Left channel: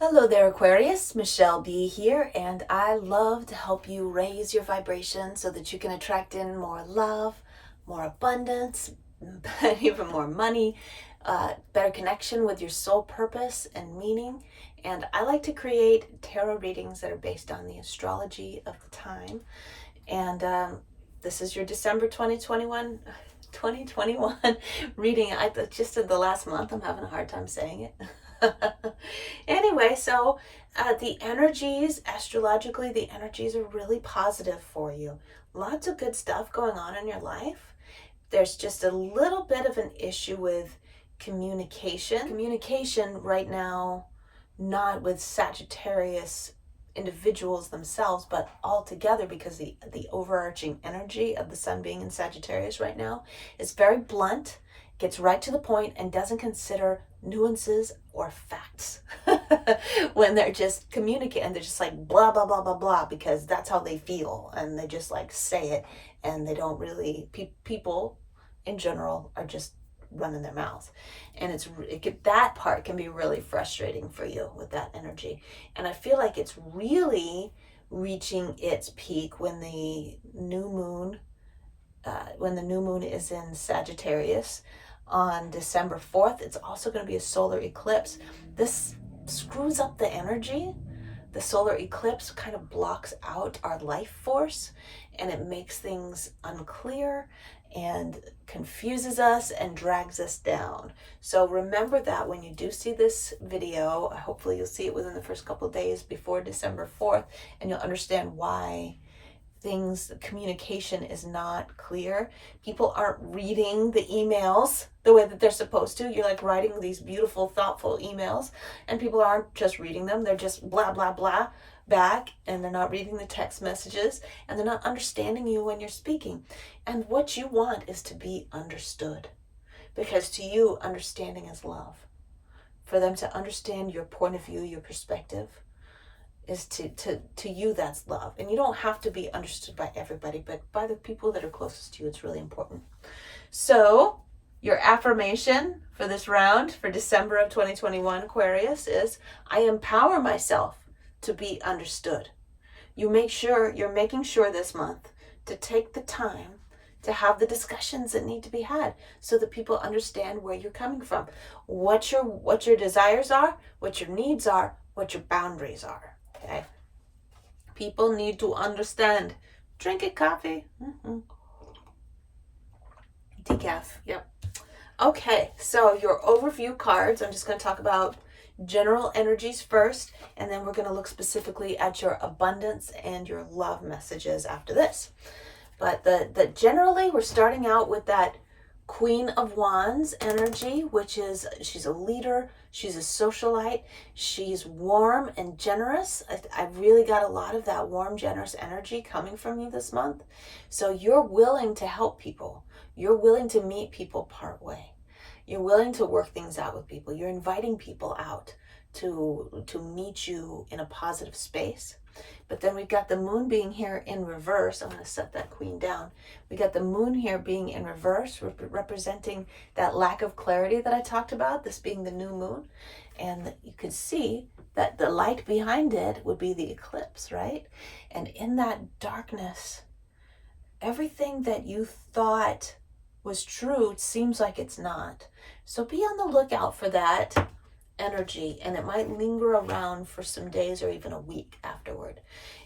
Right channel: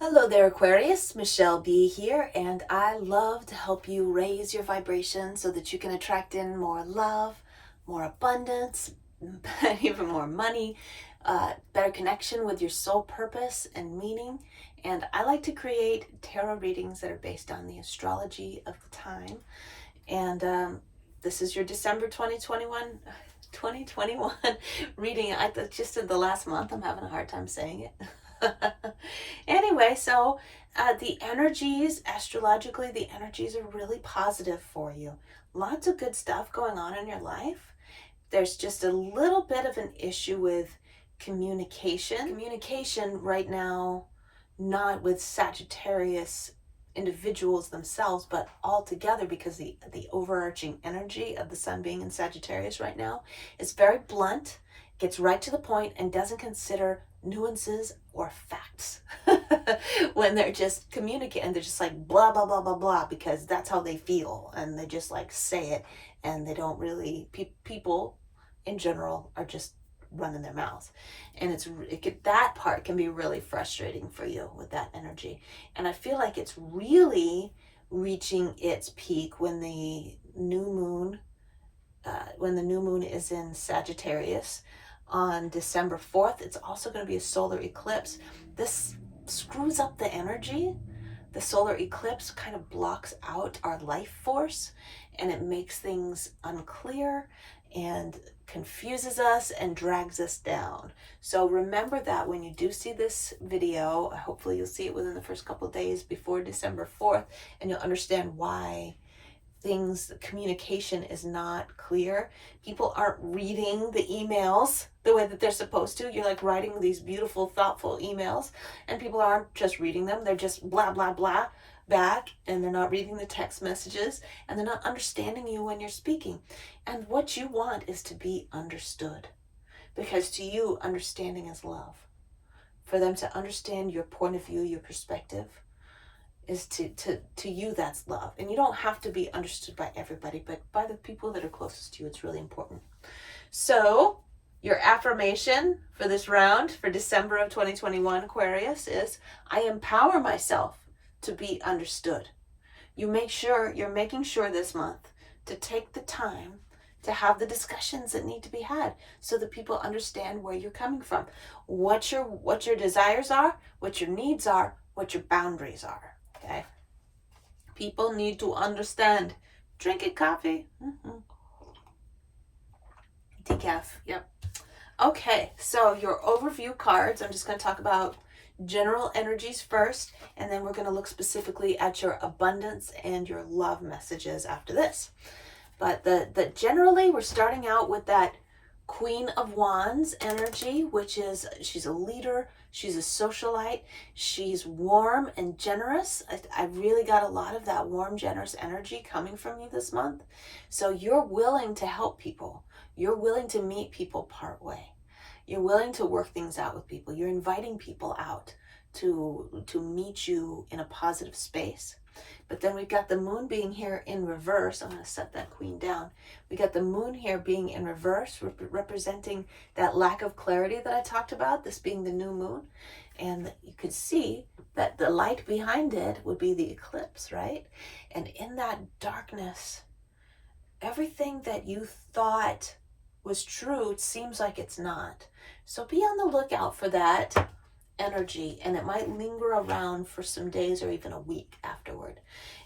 Hello there, Aquarius. Michele Bee here, and I love to help you raise your vibration so that you can attract in more love, more abundance, even more money, better connection with your soul purpose and meaning. And I like to create tarot readings that are based on the astrology of the time. And this is your December 2021 reading. I just in the last month, I'm having a hard time saying it. Anyway, so the energies, astrologically, the energies are really positive for you. Lots of good stuff going on in your life. There's just a little bit of an issue with communication. Communication right now, not with Sagittarius individuals themselves, but all together, because the overarching energy of the sun being in Sagittarius right now is very blunt, gets right to the point, and doesn't consider nuances or facts when they're just communicating. They're just like blah blah blah blah blah because that's how they feel, and they just like say it, and they don't really people in general are just running their mouths, and that part can be really frustrating for you with that energy. And I feel like it's really reaching its peak when the new moon is in Sagittarius on December 4th. It's also going to be a solar eclipse. This screws up the energy. The solar eclipse kind of blocks out our life force, and it makes things unclear and confuses us and drags us down. So remember that when you do see this video, hopefully you'll see it within the first couple of days before December 4th, and you'll understand why communication is not clear. People aren't reading the emails the way that they're supposed to. You're like writing these beautiful, thoughtful emails, and people aren't just reading them. They're just blah, blah, blah back, and they're not reading the text messages, and they're not understanding you when you're speaking. And what you want is to be understood, because to you, understanding is love. For them to understand your point of view, your perspective, is to you, that's love. And you don't have to be understood by everybody, but by the people that are closest to you, it's really important. So your affirmation for this round for December of 2021, Aquarius, is I empower myself to be understood. You're making sure this month to take the time to have the discussions that need to be had so that people understand where you're coming from, what your desires are, what your needs are, what your boundaries are. Okay. People need to understand. Drinking coffee. Decaf. Yep. Okay, so your overview cards, I'm just going to talk about general energies first, and then we're going to look specifically at your abundance and your love messages after this. But the generally, we're starting out with that Queen of Wands energy, which is, she's a leader, she's a socialite, she's warm and generous. I really got a lot of that warm, generous energy coming from you this month. So you're willing to help people. You're willing to meet people part way. You're willing to work things out with people. You're inviting people out to meet you in a positive space. But then we've got the moon being here in reverse. I'm going to set that queen down. We got the moon here being in reverse, representing that lack of clarity that I talked about, this being the new moon. And you could see that the light behind it would be the eclipse, right? And in that darkness, everything that you thought was true, it seems like it's not. So be on the lookout for that energy, and it might linger around for some days or even a week afterward.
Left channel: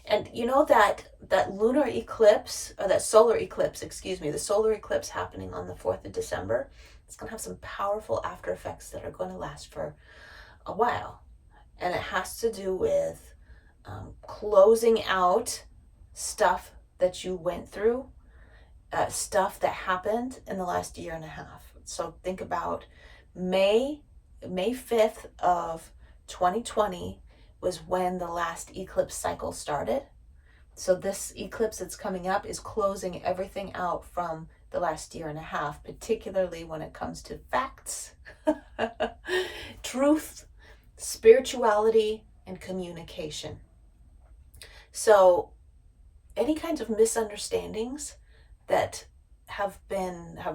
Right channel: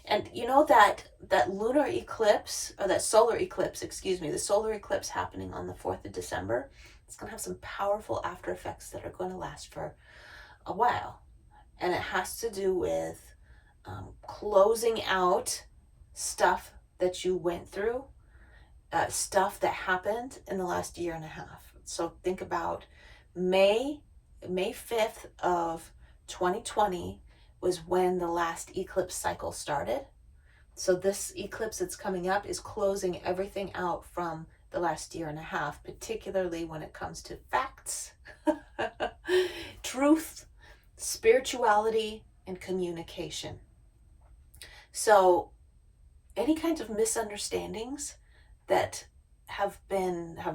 And you know that lunar eclipse, or that solar eclipse, the solar eclipse happening on the 4th of December, it's going to have some powerful after effects that are going to last for a while. And it has to do with closing out stuff that you went through, stuff that happened in the last year and a half. So think about May 5th of 2020 was when the last eclipse cycle started. So this eclipse that's coming up is closing everything out from the last year and a half, particularly when it comes to facts, truth, spirituality, and communication. So any kinds of misunderstandings that have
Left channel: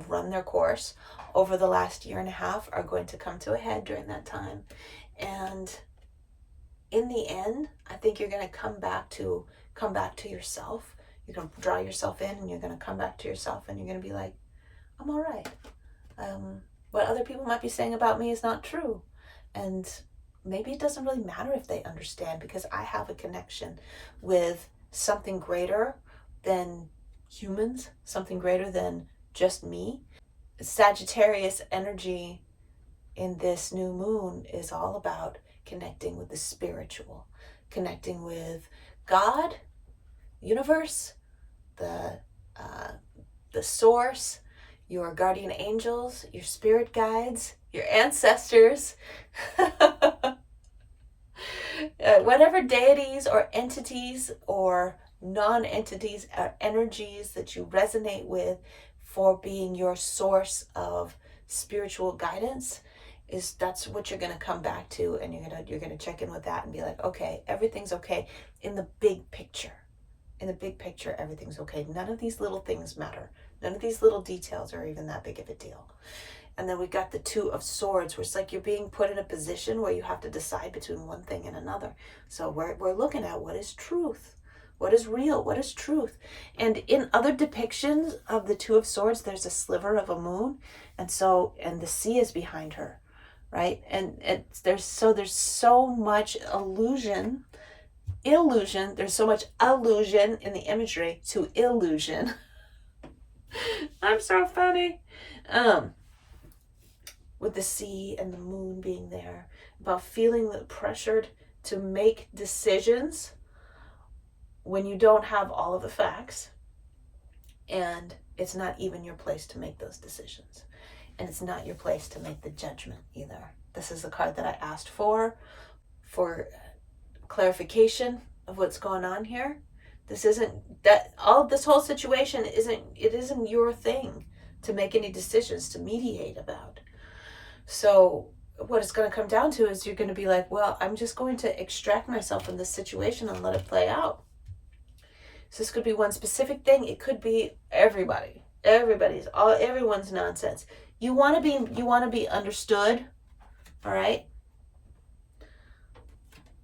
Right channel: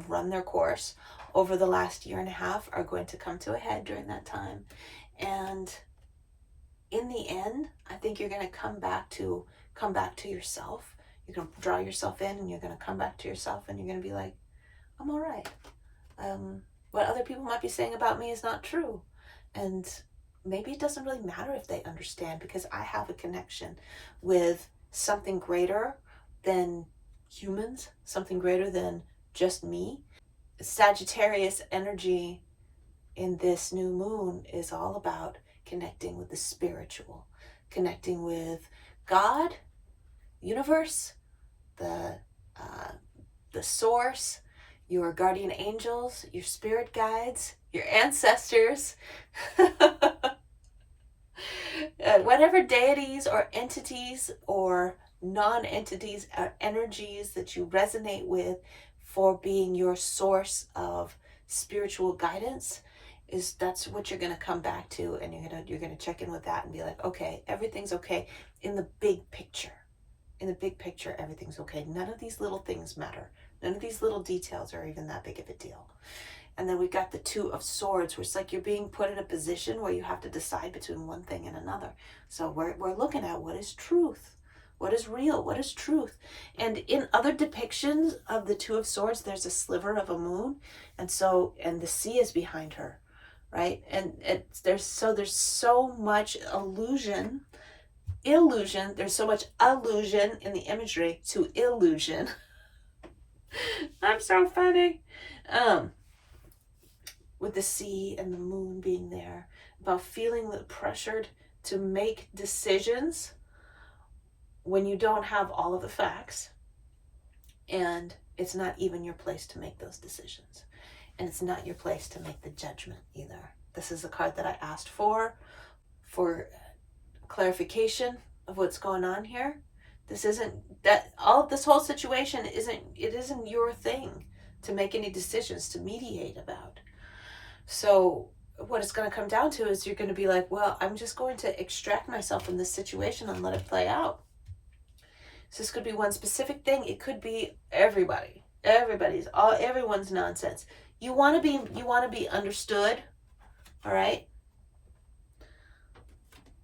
run their course over the last year and a half are going to come to a head during that time. And in the end, I think you're going to come back to yourself. You're going to draw yourself in, and you're going to come back to yourself, and you're going to be like, I'm all right. What other people might be saying about me is not true. And maybe it doesn't really matter if they understand, because I have a connection with something greater than humans, something greater than just me. Sagittarius energy in this new moon is all about connecting with the spiritual, connecting with God, universe, the source, your guardian angels, your spirit guides, your ancestors, whatever deities or entities or non-entities or energies that you resonate with for being your source of spiritual guidance, that's what you're going to come back to, and you're going to check in with that and be like, okay, everything's okay in the big picture. In the big picture, everything's okay. None of these little things matter. None of these little details are even that big of a deal. And then we got the Two of Swords, where it's like you're being put in a position where you have to decide between one thing and another. So we're looking at what is truth, what is real, what is truth. And in other depictions of the Two of Swords, there's a sliver of a moon, and the sea is behind her, right? And there's so much illusion. There's so much allusion in the imagery to illusion. I'm so funny. With the sea and the moon being there, about feeling pressured to make decisions when you don't have all of the facts, and it's not even your place to make those decisions, and it's not your place to make the judgment either. This is a card that I asked for clarification of what's going on here. This whole situation isn't your thing to make any decisions, to mediate about. So what it's going to come down to is you're going to be like, well, I'm just going to extract myself from this situation and let it play out. So this could be one specific thing. It could be everyone's nonsense. You want to be understood, all right?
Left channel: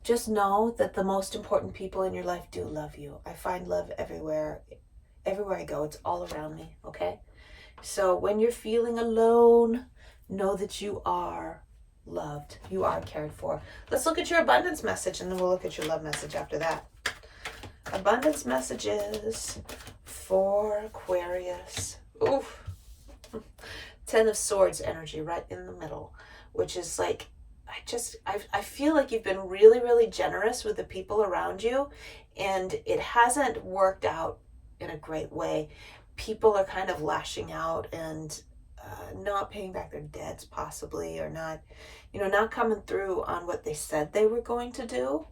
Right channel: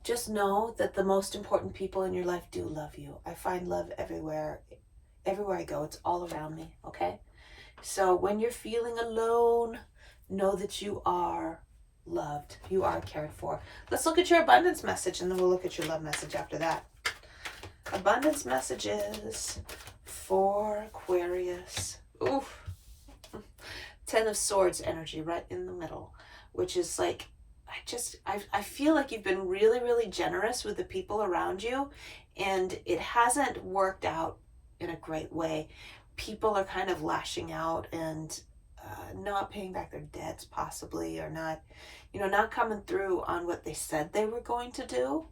Just know that the most important people in your life do love you. I find love everywhere. Everywhere I go, it's all around me, okay? So when you're feeling alone, know that you are loved. You are cared for. Let's look at your abundance message, and then we'll look at your love message after that. Abundance messages for Aquarius. Oof. 10 of Swords energy right in the middle, which is like, I feel like you've been really, really generous with the people around you, and it hasn't worked out in a great way. People are kind of lashing out and not paying back their debts possibly, or not coming through on what they said they were going to do.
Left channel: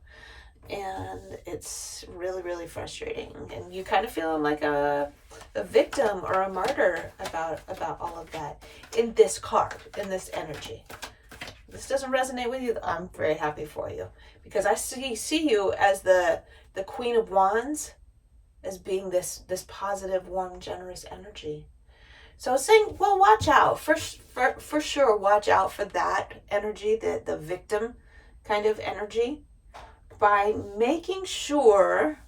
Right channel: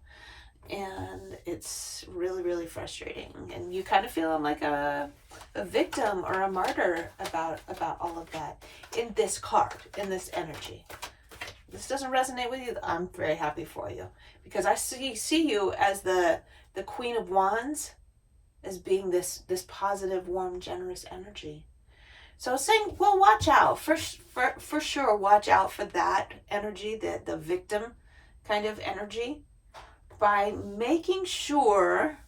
And it's really, really frustrating. And you kind of feeling like a victim or a martyr about all of that in this card, in this energy. This doesn't resonate with you, I'm very happy for you, because I see you as the Queen of Wands, as being this positive, warm, generous energy. So I was saying, well, watch out for sure. Watch out for that energy, the victim kind of energy, by making sure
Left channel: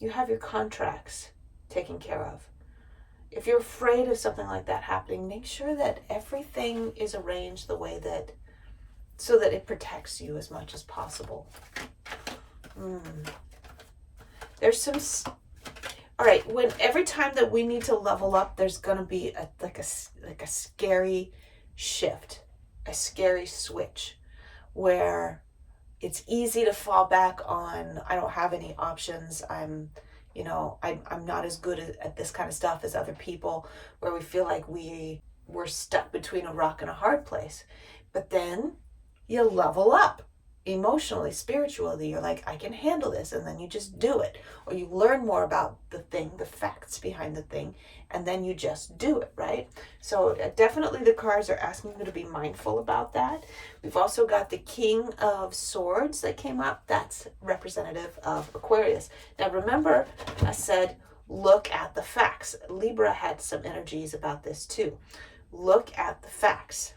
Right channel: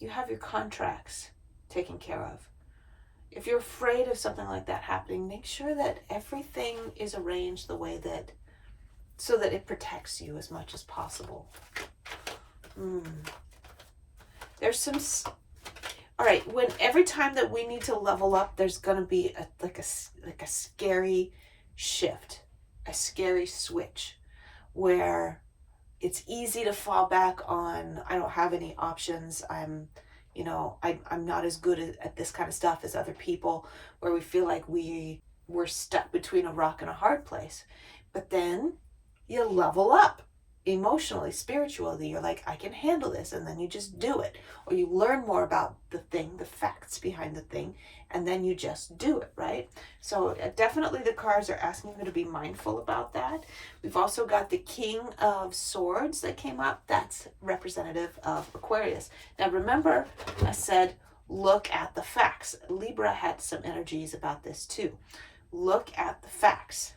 you have your contracts taken care of. If you're afraid of something like that happening, make sure that everything is arranged the way so that it protects you as much as possible. There's some, all right, every time that we need to level up, there's going to be a scary shift, a scary switch, where it's easy to fall back on, I don't have any options. I'm not as good at this kind of stuff as other people, where we feel like we're stuck between a rock and a hard place. But then you level up emotionally, spiritually. You're like, I can handle this, and then you just do it. Or you learn more about the thing, the facts behind the thing, and then you just do it, right? So definitely the cards are asking you to be mindful about that. We've also got the King of Swords that came up. That's representative of Aquarius. Now remember, I said look at the facts. Libra had some energies about this too. Look at the facts.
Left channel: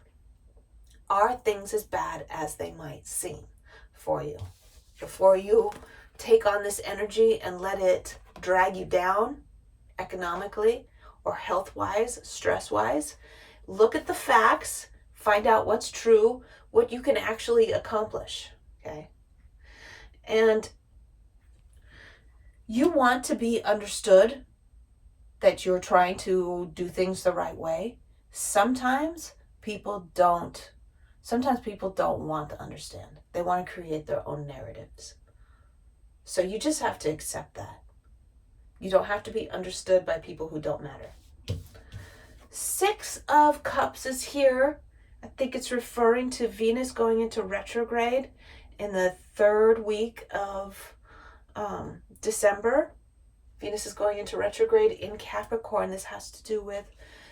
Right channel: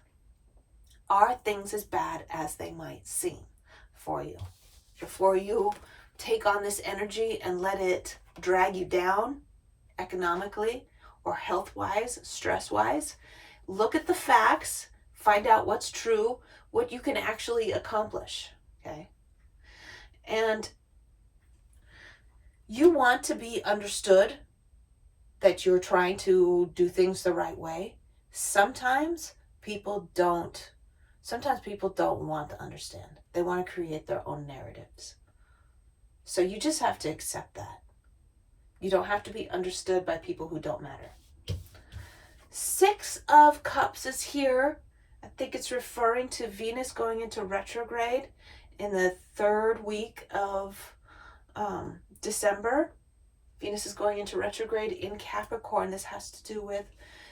Are things as bad as they might seem for you? before you take on this energy and let it drag you down economically or health-wise, stress-wise. Look at the facts, find out what's true, what you can actually accomplish, okay? And you want to be understood that you're trying to do things the right way. Sometimes people don't want to understand. They want to create their own narratives. So you just have to accept that. You don't have to be understood by people who don't matter. 6 of Cups is here. I think it's referring to Venus going into retrograde in the 3rd week of December. Venus is going into retrograde in Capricorn. This has to do with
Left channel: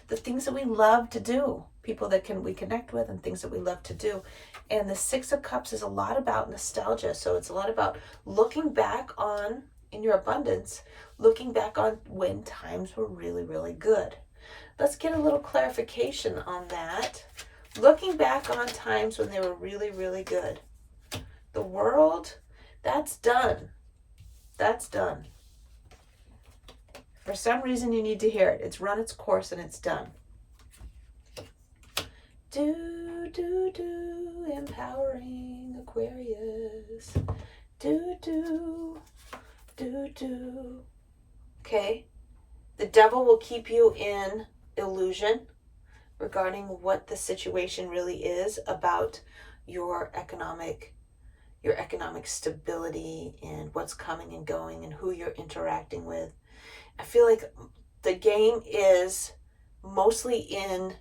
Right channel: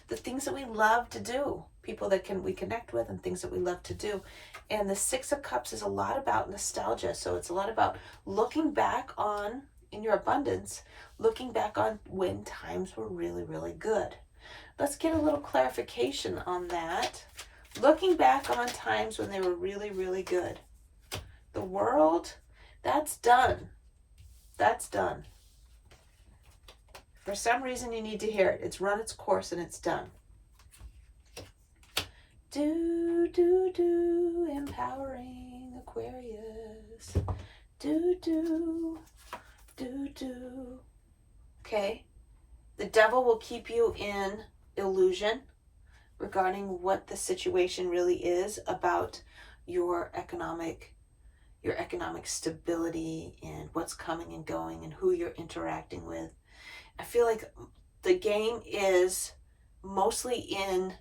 the things that we love to do, people that we connect with, and things that we love to do. And the 6 of Cups is a lot about nostalgia. So it's a lot about looking back on, in your abundance, looking back on when times were really, really good. Let's get a little clarification on that. Looking back on times when they were really, really good. The World, that's done. That's done. For some reason, you need to hear it. It's run its course and it's done. Empowering Aquarius. Okay. The devil will keep you in illusion regarding what the situation really is about your economic stability and what's coming and going and who you're interacting with. I feel like the game is mostly in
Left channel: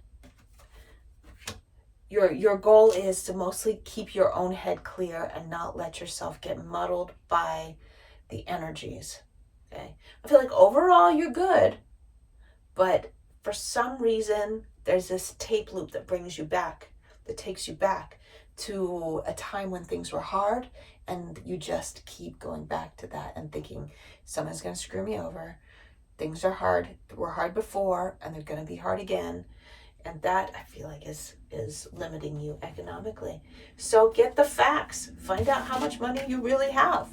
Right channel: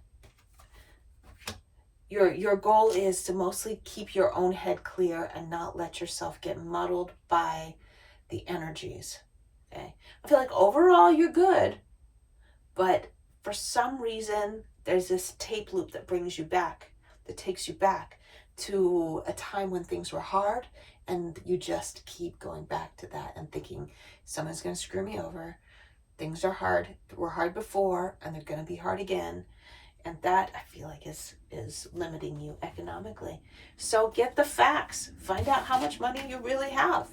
your goal is to mostly keep your own head clear and not let yourself get muddled by the energies. Okay. I feel like overall you're good, but for some reason there's this tape loop that brings you back, that takes you back to a time when things were hard, and you just keep going back to that and thinking someone's going to screw me over. Things are hard, were hard before, and they're going to be hard again. And that, I feel like, is limiting you economically. So get the facts. Find out how much money you really have.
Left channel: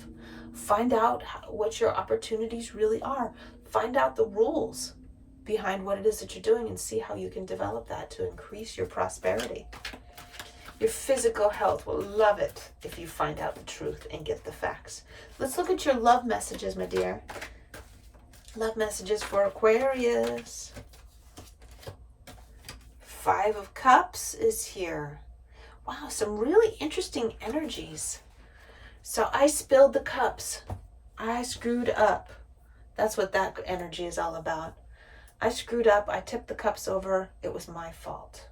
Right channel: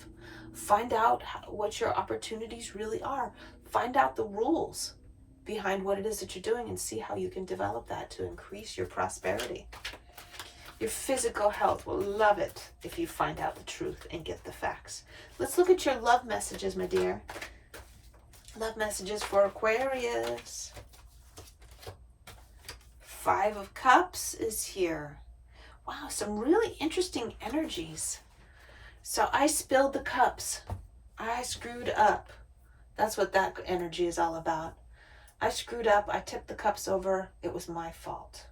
Find out what your opportunities really are. Find out the rules behind what it is that you're doing and see how you can develop that to increase your prosperity. Your physical health will love it if you find out the truth and get the facts. Let's look at your love messages, my dear. Love messages for Aquarius. 5 of Cups is here. Wow, some really interesting energies. So I spilled the cups. I screwed up. That's what that energy is all about. I screwed up. I tipped the cups over. It was my fault.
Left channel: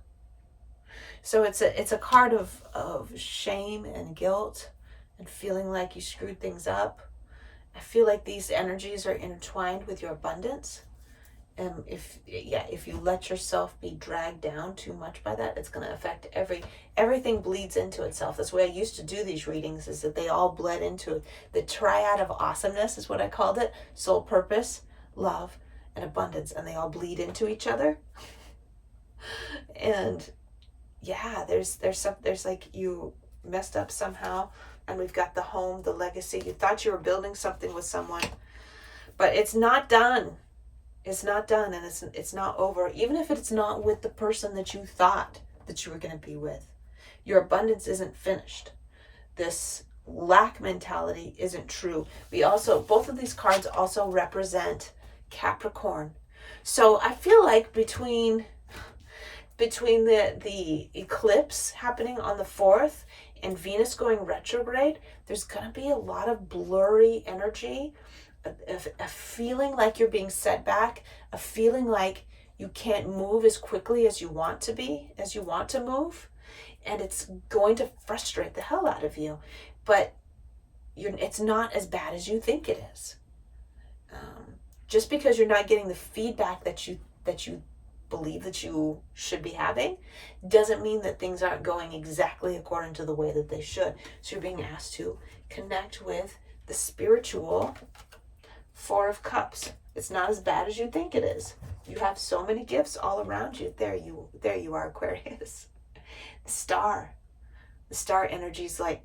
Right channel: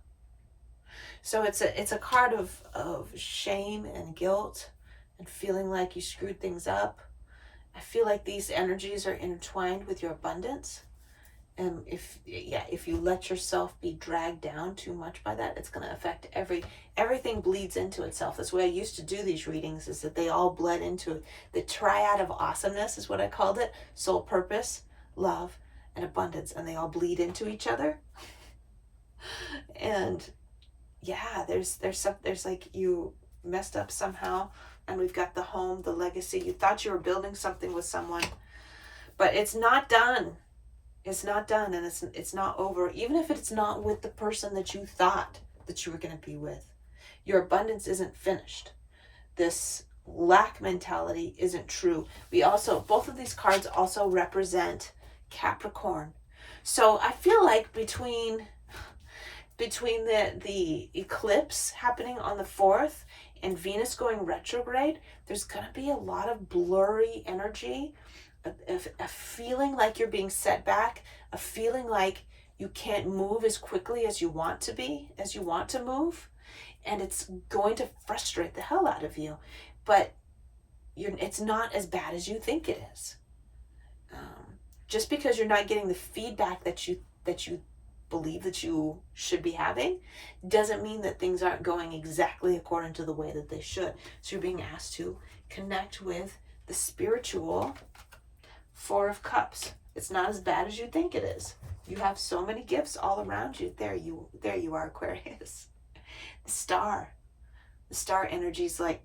So it's a card of shame and guilt and feeling like you screwed things up. I feel like these energies are intertwined with your abundance. And if you let yourself be dragged down too much by that, it's going to affect everything bleeds into itself. That's the way I used to do these readings, is that they all bled into it. The triad of awesomeness is what I called it. Soul purpose, love, and abundance. And they all bleed into each other. And yeah, there's like you messed up somehow. And we've got the home, the legacy. You thought you were building something with someone, but it's not done. It's not done, and it's not over, even if it's not with the person that you thought that you were going to be with. Your abundance isn't finished. This lack mentality isn't true. Both of these cards also represent Capricorn. So I feel like between the eclipse happening on the 4th and Venus going retrograde, there's going to be a lot of blurry energy. A feeling like you're being set back, a feeling like you can't move as quickly as you want to move, and it's going to frustrate the hell out of you. But it's not as bad as you think it is. Just because you're not getting the feedback that you believe that you should be having, doesn't mean that things aren't going exactly according to the way that they should. So you're being asked to connect with the spiritual 4 of Cups. It's not as bad as you think it is. You have so many gifts all around you. There you are, Aquarius. The star energy is like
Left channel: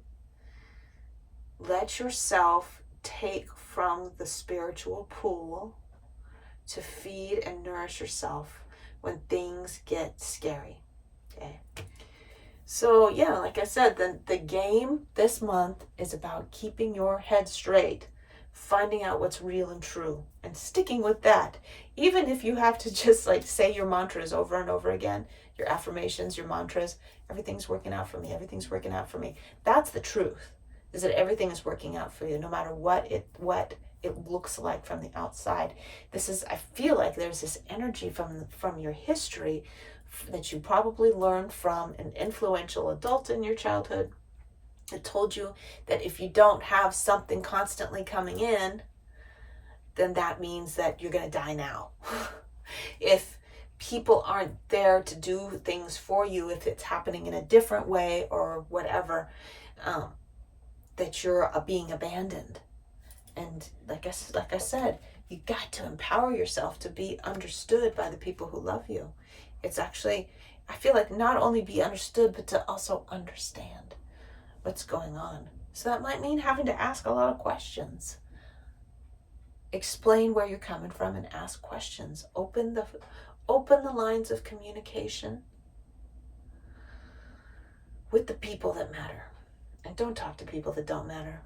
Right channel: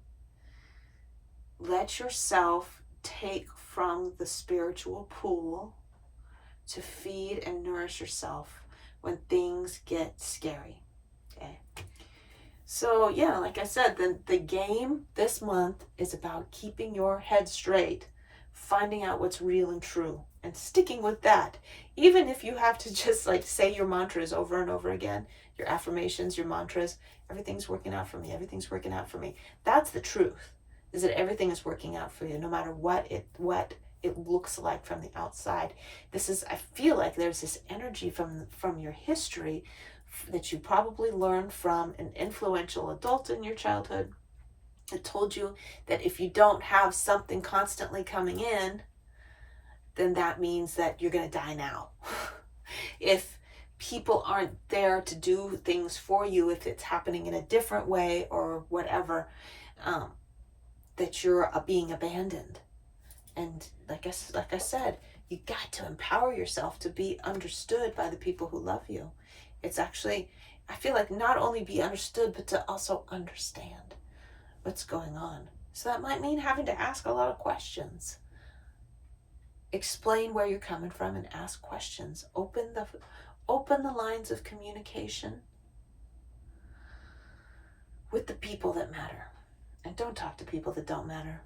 Let yourself take from the spiritual pool to feed and nourish yourself when things get scary. Okay. So yeah, like I said, the game this month is about keeping your head straight, finding out what's real and true, and sticking with that. Even if you have to just like say your mantras over and over again, your affirmations, your mantras, everything's working out for me, everything's working out for me. That's the truth, is that everything is working out for you, no matter what it looks like from the outside. I feel like there's this energy from your history that you probably learned from an influential adult in your childhood that told you that if you don't have something constantly coming in, then that means that you're going to die now. If people aren't there to do things for you, if it's happening in a different way or whatever, that you're being abandoned. And like I said, you got to empower yourself to be understood by the people who love you. It's actually, I feel like, not only be understood, but to also understand what's going on. So that might mean having to ask a lot of questions. Explain where you're coming from and ask questions. Open the lines of communication with the people that matter. And don't talk to people that don't matter.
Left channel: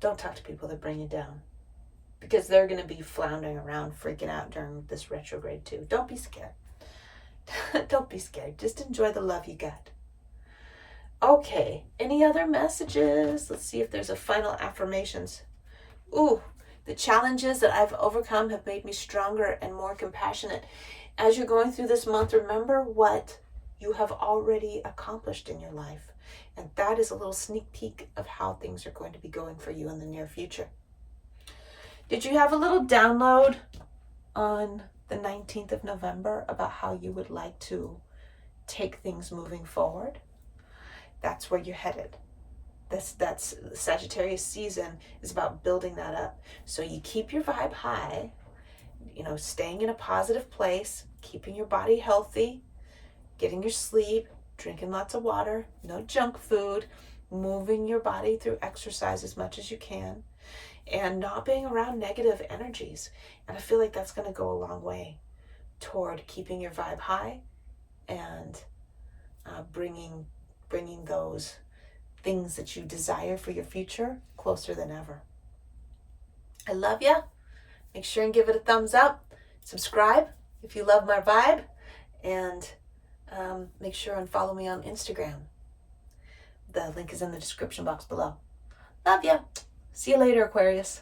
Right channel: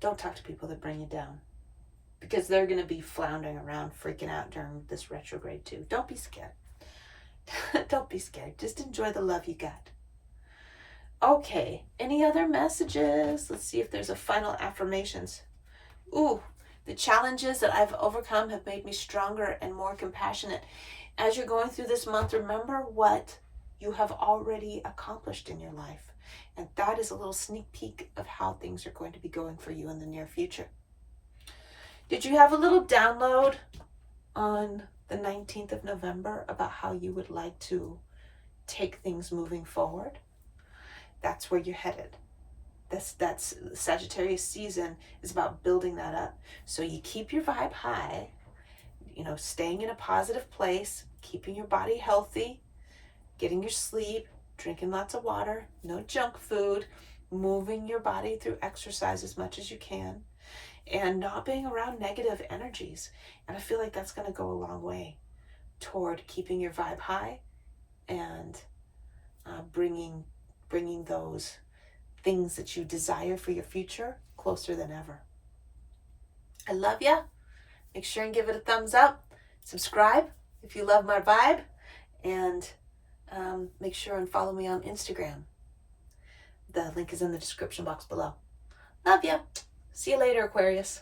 Don't talk to people that bring you down, because they're going to be floundering around, freaking out during this retrograde too. Don't be scared. Don't be scared. Just enjoy the love you got. Okay, any other messages? Let's see if there's a final affirmations. Ooh, the challenges that I've overcome have made me stronger and more compassionate. As you're going through this month, remember what you have already accomplished in your life. And that is a little sneak peek of how things are going to be going for you in the near future. Did you have a little download on the 19th of November about how you would like to take things moving forward? That's where you're headed. That's Sagittarius season is about building that up. So you keep your vibe high, staying in a positive place, keeping your body healthy, getting your sleep, drinking lots of water, no junk food, moving your body through exercise as much as you can, and not being around negative energies. And I feel like that's going to go a long way toward keeping your vibe high and bringing those things that you desire for your future closer than ever. I love ya. Make sure and give it a thumbs up. Subscribe if you love my vibe. And make sure and follow me on Instagram. The link is in the description box below. Love ya. See you later, Aquarius.